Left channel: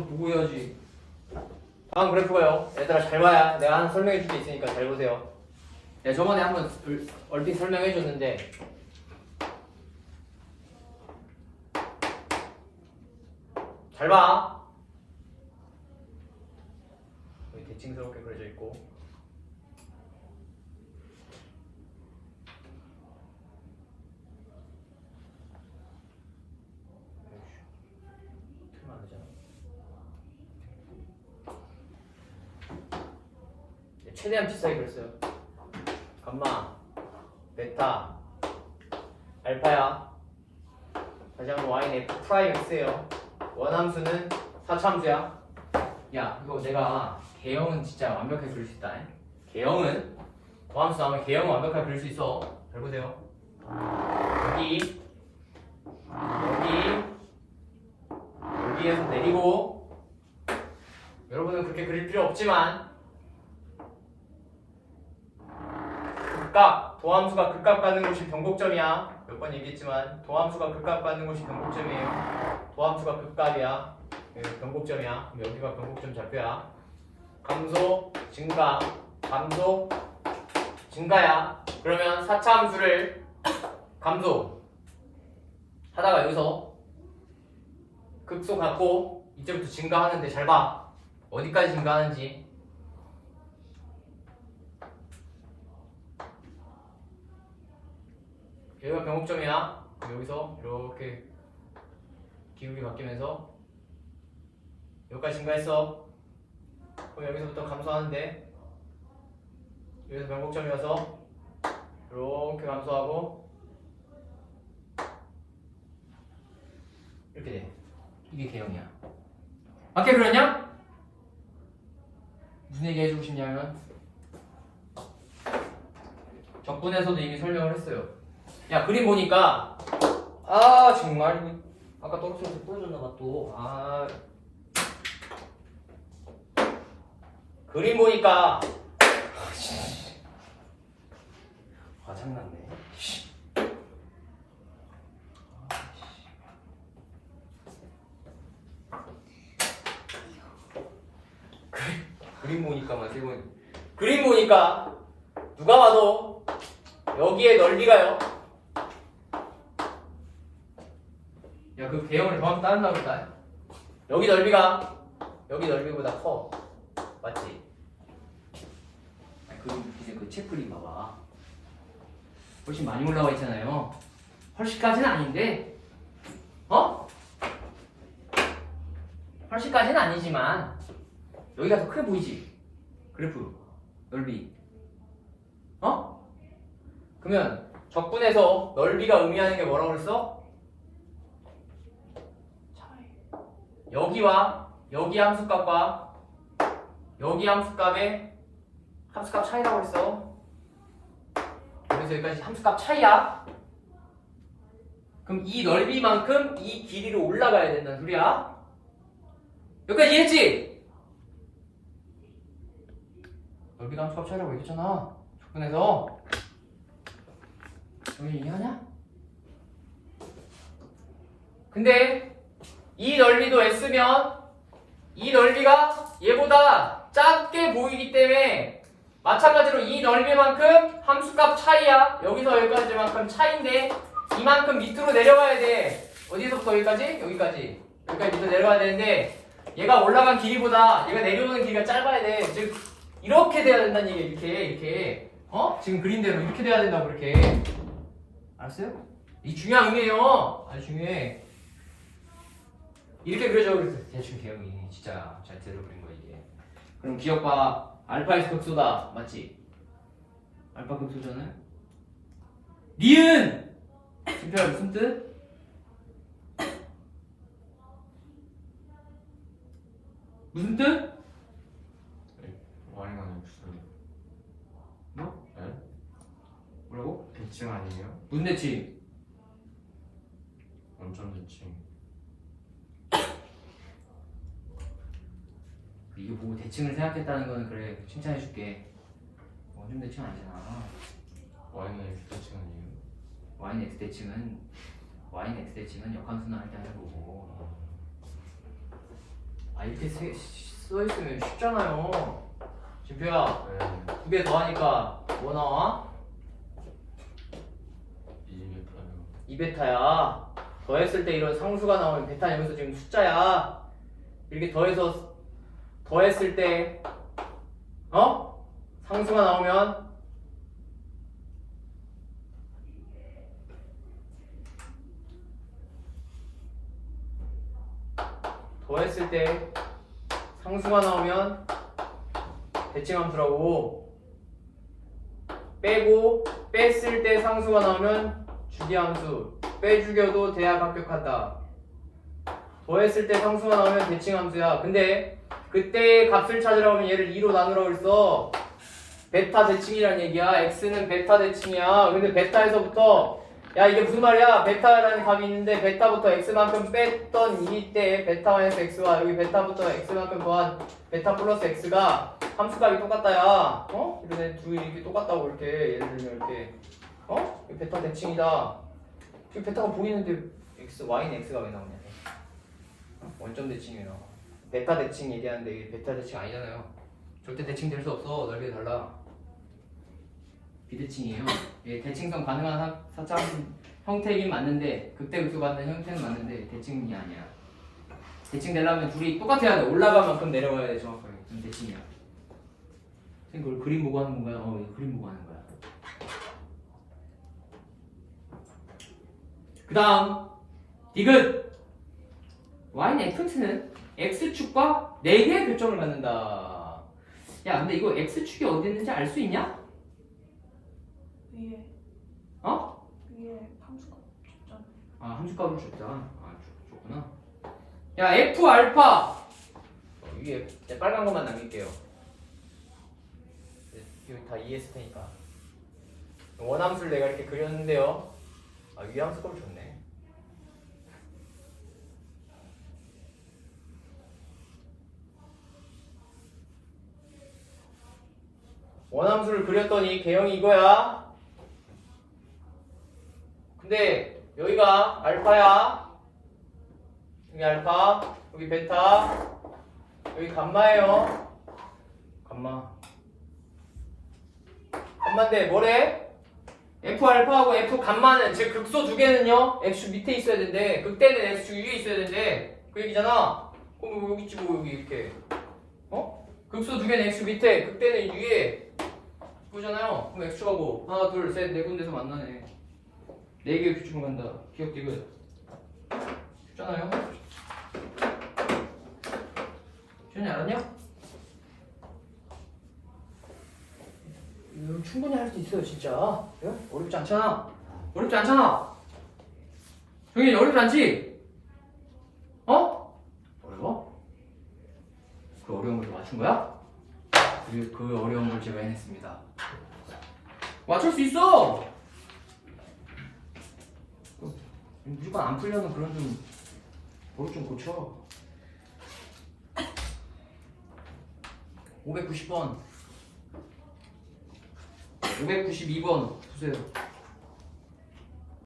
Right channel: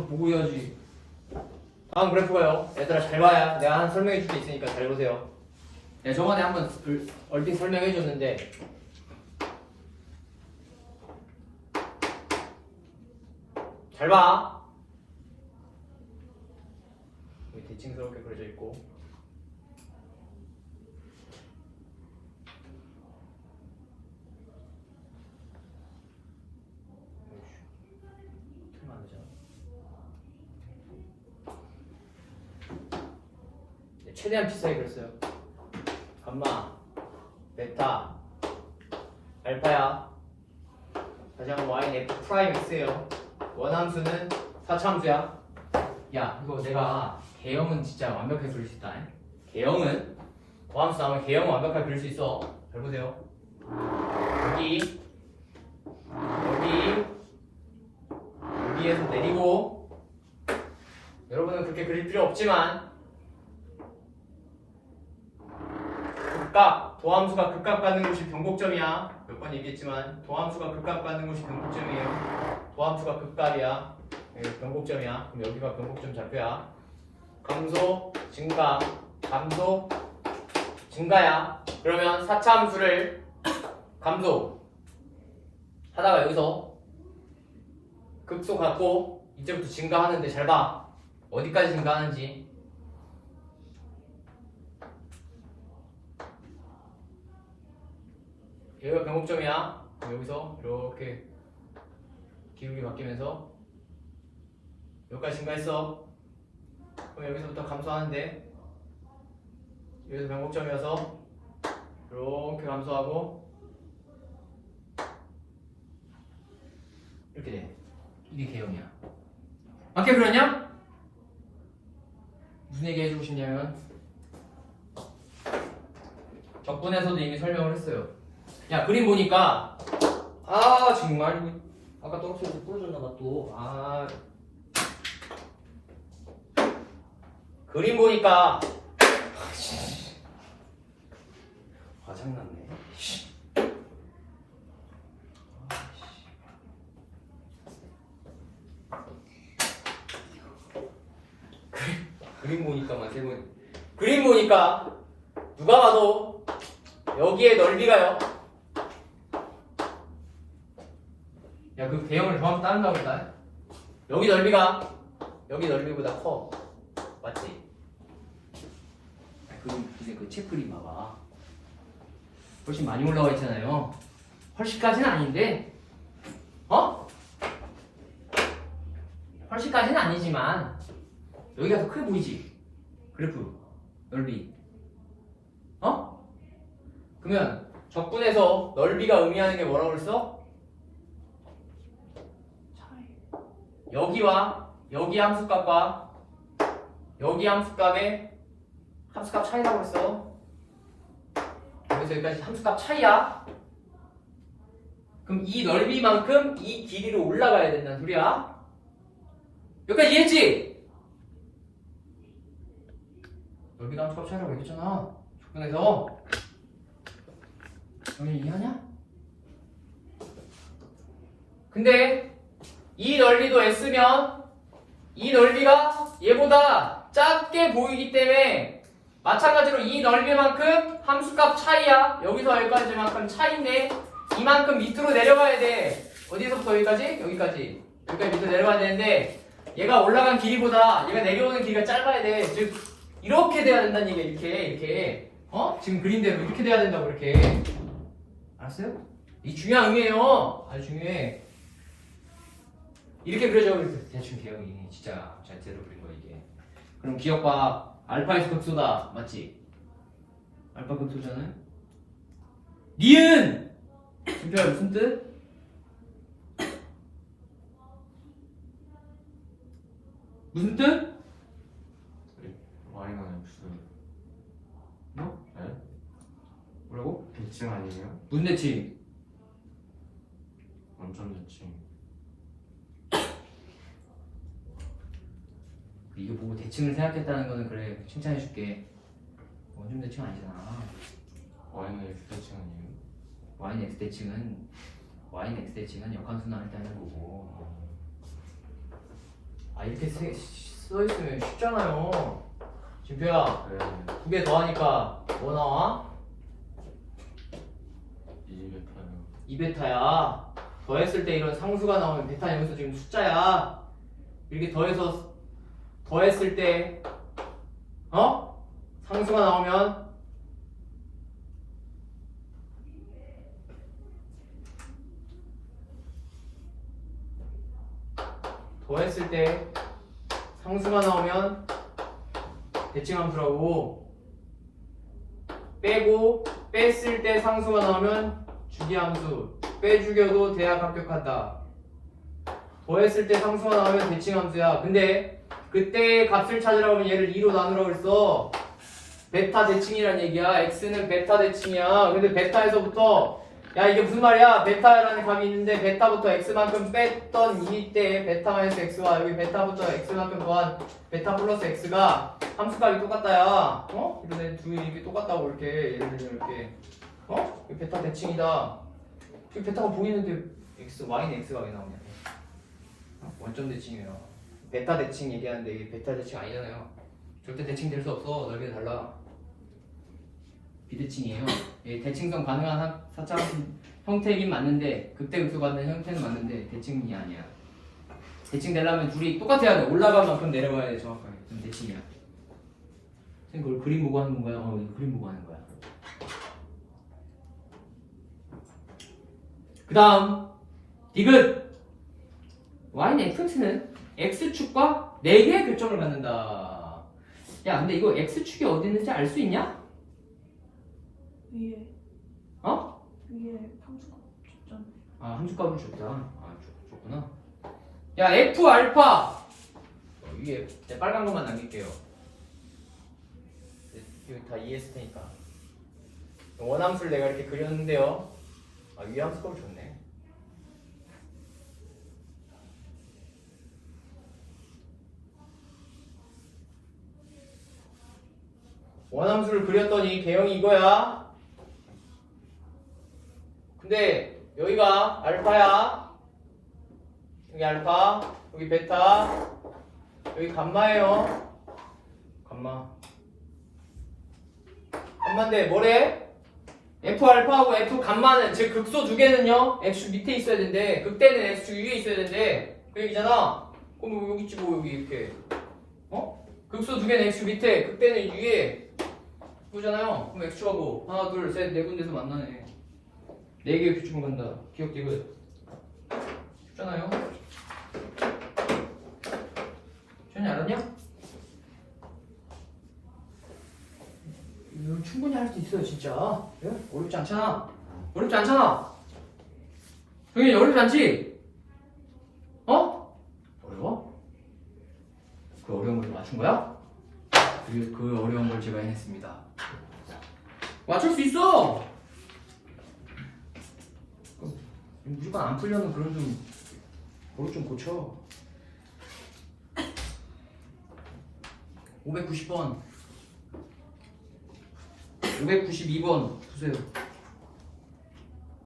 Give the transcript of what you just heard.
한번 보고 해야지. 다음 그래프 가요. 얘들아 잘 봐야 내가 하나 설명해 줄 게 있으니까 잘 보세요. 내가 저번에 한번 얼- 얼핏 설명해 줬는데 잘 봐. 대칭스럽게 그려져 있고 틀면 안 되잖아. 네, 최대한 비싸게 그렸어요. 감마, 베타, 알파야. 다시 한번 y는 f 프라임 x예요. 원함수는 사참수야. 야, 이거 내가 개형은 진짜 완벽하게 그릴 수 있다. 개형은 고함수 나오면 개형은 완벽하게 그릴 수 있어. 잘 보세요. 여기, 여기, 여기에서 내리고 여러분은 그렇게 그릴 필요 없지만 극각 도함수가 극각 받는 곳이 변곡점이야. 몇 번 얘기했지만 도함수가 극각 받는 곳이 변곡점이에요. 도함수가 극각이야. 변곡점이야. 그럼 여기가 변곡점 좌표야. 감소 증가 감소 증가야. 그러면 사차함수를 감소 하다가 여기서 극소 갖고 이제부터 증가하는데 잘 봐. 어디까지 증가하는지. 여기가 변곡점이야. 여기서 이렇게 기울기 바뀌면서 여기까지 증가했어. 그럼 여기서부터 감소하는데 여기서 변곡점이어서 이렇게 감소하고 이렇게 돼. 이게 개형이야. 맞게 그렸냐? 무슨 얘기 해주고 싶냐면 적분에서도 이미 설명을 했어요. 야 그림 보니까 아 정말 아까 떨어져서 부러졌나봐 또. 아 그림 보니까 아, 씨. 화장났네. 씨. 그림 보니까만 세 번. 그림 보니까 누가 봐도 여기에 넓이가요. 야그 배형을 정확히 따른다고 했다. 여기 넓이가 여기 넓이보다 커. 맞지? 그 이제 그 체크림 봐봐. 훨씬 많이 올라와 있잖아요. 훨씬까지는 아닌데, 어? 훨씬까지는 아니지만 여기가 더 크게 보이지? 그래프 넓이 어? 그러면 적분에서 넓이가 의미하는 게 뭐라고 그랬어? 여기와 여기 함수값과 여기 함수값의 함수값 차이라고 그랬어 여기서 여기까지 함수값 차이야 그럼 이 넓이만큼 이 길이로 올라가야 된다는 소리야 여기까지 이해했지? 넓이가 함수값 차이라고 얘기했잖아. 접근해서 너희 이해하냐? 근데 이 넓이도 S면 이 넓이가 얘보다 작게 보이기 때문에 마찬가지로 이 넓이만큼 함수값 차이야. 여기서 여기까지만큼 차이인데 이만큼 밑으로 내려가야 돼. 어디서부터 여기까지? 여기까지. 여기까지 밑으로 내려가야 되는데 얘가 올라간 길이보다 얘가 내려오는 길이가 짧아야 돼. 즉 이렇게 돼야 된다는 얘기야. 이렇게 이렇게. 어? 지금 그림대로 이렇게 돼야 된다고 이렇게. 알았어요? 이 중요한 의미예요. 아주 중요해. 이렇게 그려져. 대충 대형이 진짜 잘 그린 거야 이게. 그럼 기억봐. 알파에서 극소다. 맞지? 알파 극소잖아. 니은! 진짜 무슨 뜻? 무슨 뜻? 와이가 무슨 뭐? 네? 뭐라고? 대칭 아니에요? 무슨 대칭? 원점 대칭 이거 보고 대칭을 생각했다는 거는 그래 칭찬해줄게. 원점 대칭 아니잖아. 와이는 X 대칭 아니에요? 와인 x 대칭은 와인 x 대칭은 역함수 나올 때 하는 거고. 아 이렇게 세- 써있으면 쉽잖아요 진표야 네. 두개 더하니까 뭐 나와? 이 베타요. 2베타야 더했을 때 이런 상수가 나오면 베타 여기서 지금 숫자야 이렇게 더해서 더했을 때 어? 상수가 나오면 더했을 때 상수가 나오면 대칭함수라고. 빼고 뺐을 때 상수가 나오면 주기함수. 빼죽여도 대학 합격한다. 더했을 때 상수가 나오면 대칭함수야. 근데 그때 값을 찾으라고 하면 얘를 2로 나누라고 그랬어. 베타 대칭이란 얘기야. X는 베타 대칭이야. 근데 베타에서부터 야 이게 무슨 말이야? 베타라는 값이 있는데 베타부터 x만큼 뺐던 이때 베타 마이너스 x와 여기 베타부터 x만큼 더한 베타 플러스 x가 함수값이 똑같다야. 어? 그래서 두개 이게 똑같다고 이렇게 예를 들면 이렇게. 어? 이거 베타 대칭이다. 이 베타가 보이는데 x, y는 x가 왜 나오냐? 어? 원점 대칭이에요 베타 대칭 얘기하는데 이게 베타 대칭 아니잖아요. 절대 대칭 될 수 없어. 넓이가 달라. 비대칭이에요. 이게 대칭성 가능한 사- 사차 형태이긴 맞는데 극대극소 받는 형태는 맞는데 대칭이 아니야. 대칭 되려면 둘이 똑같아야 돼. 올라갈 만큼 내려가야 돼 정확하게. 그럼 대칭이야. 선생님 그걸 그림 보고 하는 거야? 어 이거 그림 보고 하는 거야. 그 다음 디귿. y는 fx는 x축과 4개의 교점을 갖는다. 야 근데 이거 x축이 어디 있는지 알 수 있냐? 위에. 어? 위에 함수가 줬잖아. 아 함수값을 줬다 아 줬, 줬구나. 야 f 알파. 어, 위에 내 빨간 것만 남길게요. 이거 다 이해했을 테니까. 원함수를 내가 이렇게 그렸는데요. 아 위에 함수값을 줬네 원함수를 그렸더니 개형이 이거야. 근데 여기가 알파야. 여기 알파 여기 베타 여기 감마예요. 감마. 감마인데 뭐래? F 알파하고 F 감마는 즉 극소 두 개는요? X 밑에 있어야 되는데 극대는 X 위에 있어야 되는데 그 얘기잖아. 그럼 뭐 여기 있지 뭐 여기 이렇게. 어? 극소 두 개는 X 밑에 극대는 위에 그거잖아요 그럼 X가 뭐 하나 둘 셋 네 군데서 만나네 네 개의 규칙을 간다. 기억 디귿. 쉽잖아요. 시현이 알았냐? 이거 충분히 할 수 있어요, 진짜. 그래? 어렵지 않잖아. 어렵지 않잖아. 정현이 어렵지 않지? 어? 어려워? 그 어려운 걸 맞춘 거야? 그, 그 어려운 걸 제가 해냈습니다. 맞출 수 있어! 무조건 안 풀려는 그런 좀 버릇 좀 고쳐 590번 592번 보세요